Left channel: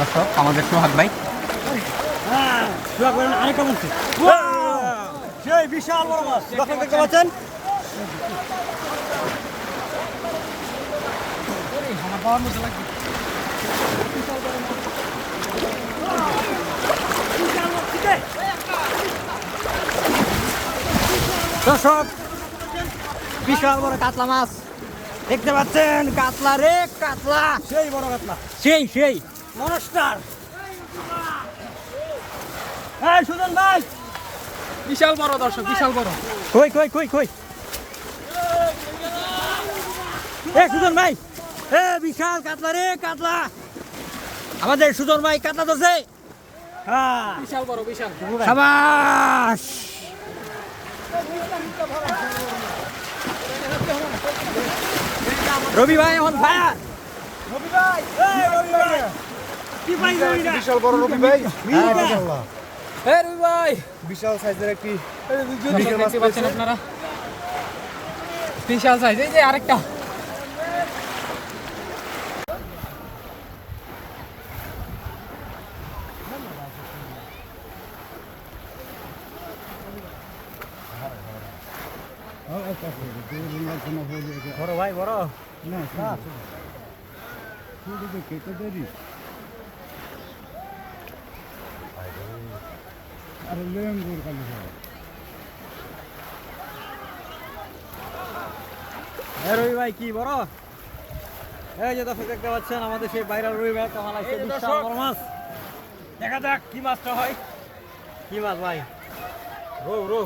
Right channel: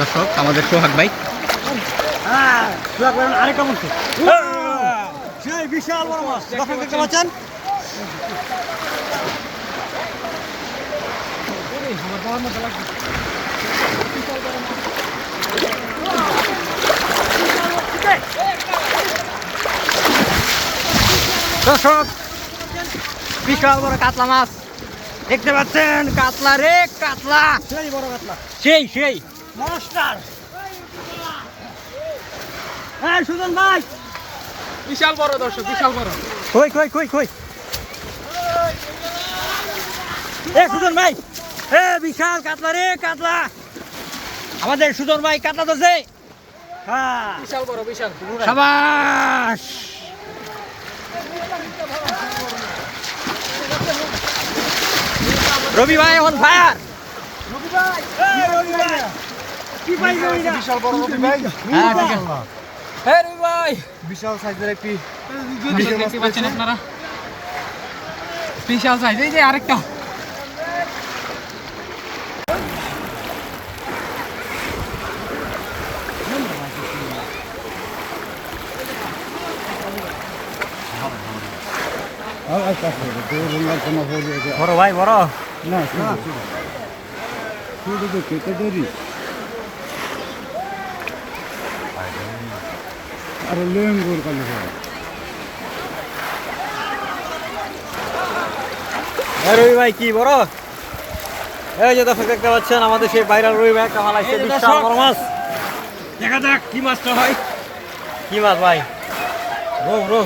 দর্শক আমাদের সোহাগ ভাই আরেকটা বলছি সেই বিশাল বড় মাছ দেখতে পাচ্ছেন। দর্শক বিশাল বড় কাতলা মাছ দেখতে পাচ্ছেন। কাতলা রে কাতলা, সেই বড় কাতলা, সেই মনস্টার। এই সুজন ভাই, বিশাল বড় দর্শক, বিশাল বড়। কই এ সুজন ভাই, এ বিশাল কাতলা রে কাতলা। আমাদের সুজন ভাই কাতলা ধরছে। হ্যাঁ বিশাল বড়, বিশাল। সাবাস। রবি ভাই এখন ফায়ার। বিশাল বড় রবি ভাই। হ্যাঁ ঠিক আছে। হ্যাঁ রবি ভাই, বিশাল সাইজের একটি দেখতে পাচ্ছেন আপনারা, বিশাল সাইজ। এই যে আরেকটা। বড় ভাই বড় না শুধু তো কেটে দেরি আর লেঙ্গুর কালি রবি ভাই কি বড়। এই যে দর্শক দেখতে পাচ্ছেন আমাদের সেই ভাইরাল রবি ভাই একটা মাল আসছে, বিশাল বড় মাছ। দেখা যাক কি মাছটা হয়। কি মাছ ভাই? রো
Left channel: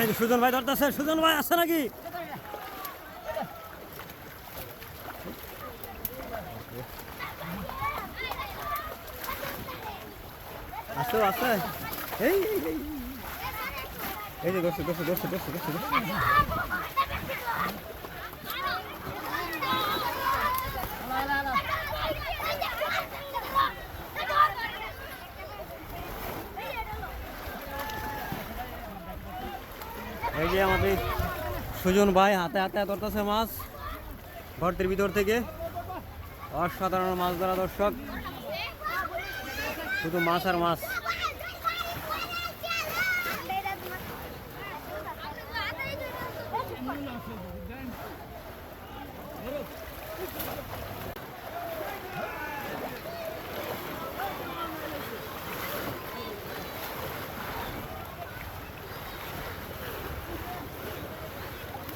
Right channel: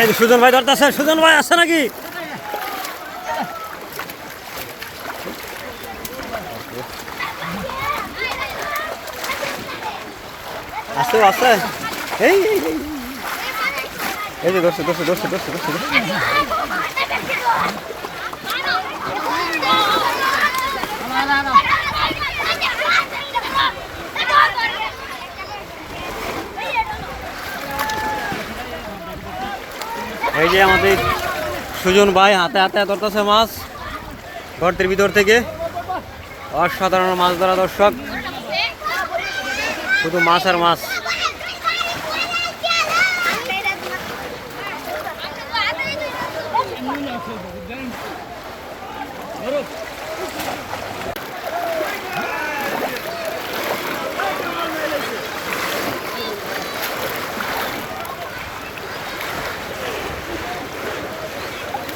এই যে সুজন ভাই ধরতেছে। সুজন ভাই আছে নাকি? আছে এই যে ধরছে। এই যে আমাদের সুজন ভাই হাতে ধরতেছে মাছ গর্তের ভিতর থেকে। অসাধারণ মাছ ধরা দর্শক, শুধু মাছ আর মাছ।